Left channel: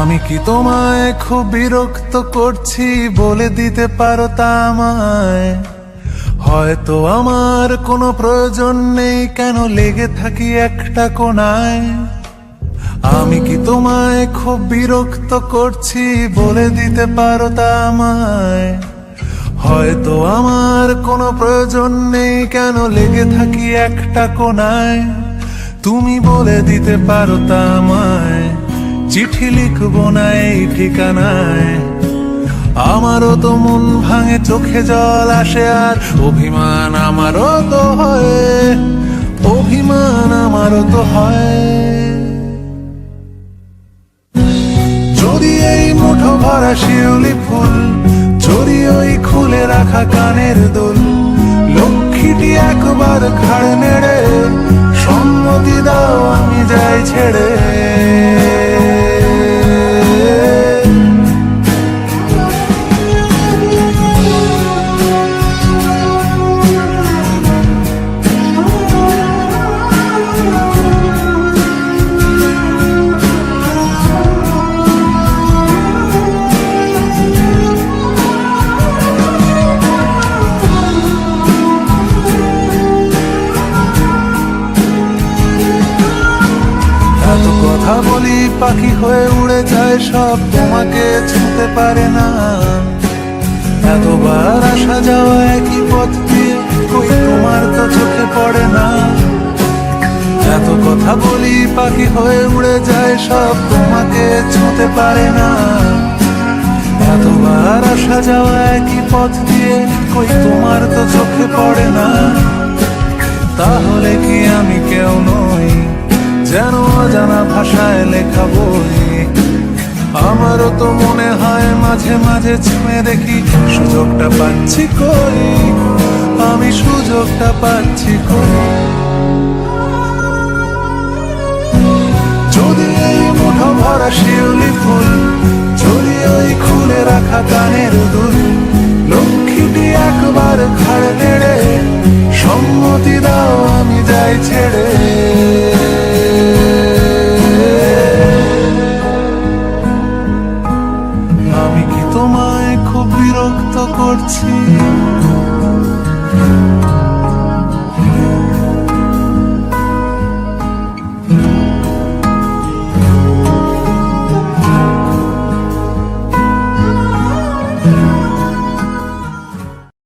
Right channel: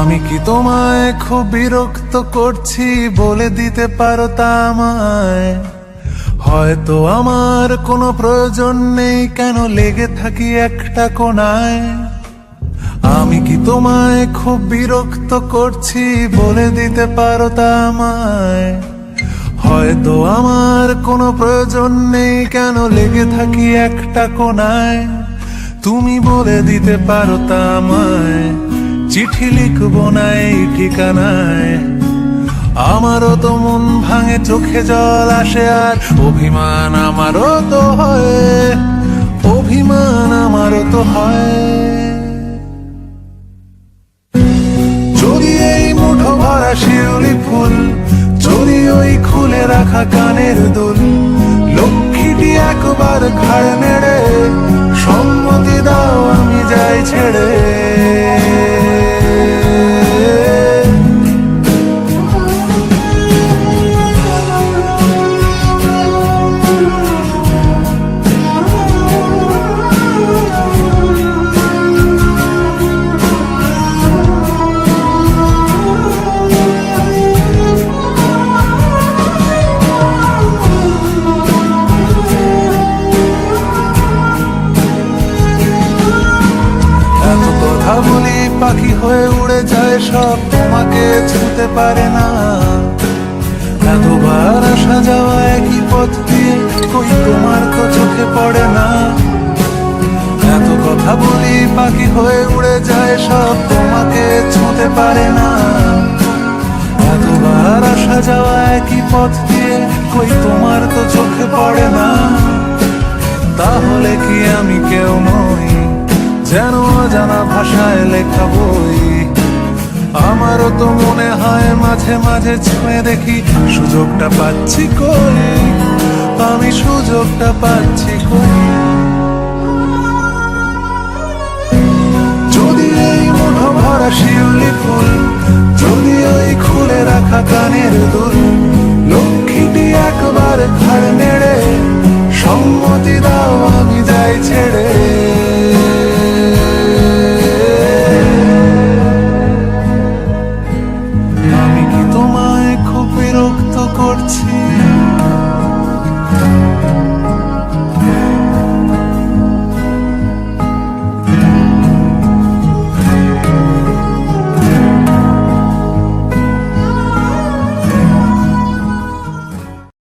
আমি কি তোমায় খুব বিরক্ত করছি বলে দিতে পারো তা আমায়? হয়তো আমার কোনো প্রয়োজন নেই, কেন লেগে থাকি একটা কোণায়। আমি কি তোমায় খুব বিরক্ত করছি বলে দিতে পারো তা আমায়? হয়তো আমার কোনো প্রয়োজন নেই, কেন লেগে থাকি একটা কোণায়। তুমি বলে দিতে পারো তা আমায়, চিঠি লিখবো না এই ঠিকানায়। আমারও তো মন ভাঙে, চোখে জল আসে, আর অভিমান আমারও তো হয়, অভিমান আমারও তো হয়। যদি এই মুঠো ভরা শিউলি ফুল, যদি ওই খুলে রাখা কানের দুল, লক্ষ্মীটি একবার ঘাড় নেড়ে সম্মতি দাও আমি যাই ছেড়ে। এত কথা বলি পাখি হয়ে উড়ে যায় সব, তোমাকে ছুঁতে পারে না। এতবার আসা যাওয়া একই পথ দিয়ে, কই তোমার তো চোখে পড়ে না। এত কথা বলি পাখি হয়ে উড়ে যায় সব, তোমাকে ছুঁতে পারে না। এতবার আসা যাওয়া একই পথ দিয়ে, কই তোমার তো চোখে পড়ে না। তাহলে কি আমি কেউ নই, যেন অজানা ভাষায় লেখা বই? আমারও তো মনে হয় মাঝে মাঝে ছুঁয়ে দেখি, সুযোগটা পাচ্ছি কই, আমি সুযোগটা পাচ্ছি কই। যদি এই মুঠো ভরা শিউলি ফুল, যদি ওই খুলে রাখা কানের দুল, লক্ষ্মীটি একবার ঘাড় নেড়ে সম্মতি দাও আমি যাই ছেড়ে। আমি কি তোমায় খুব বিরক্ত করছি?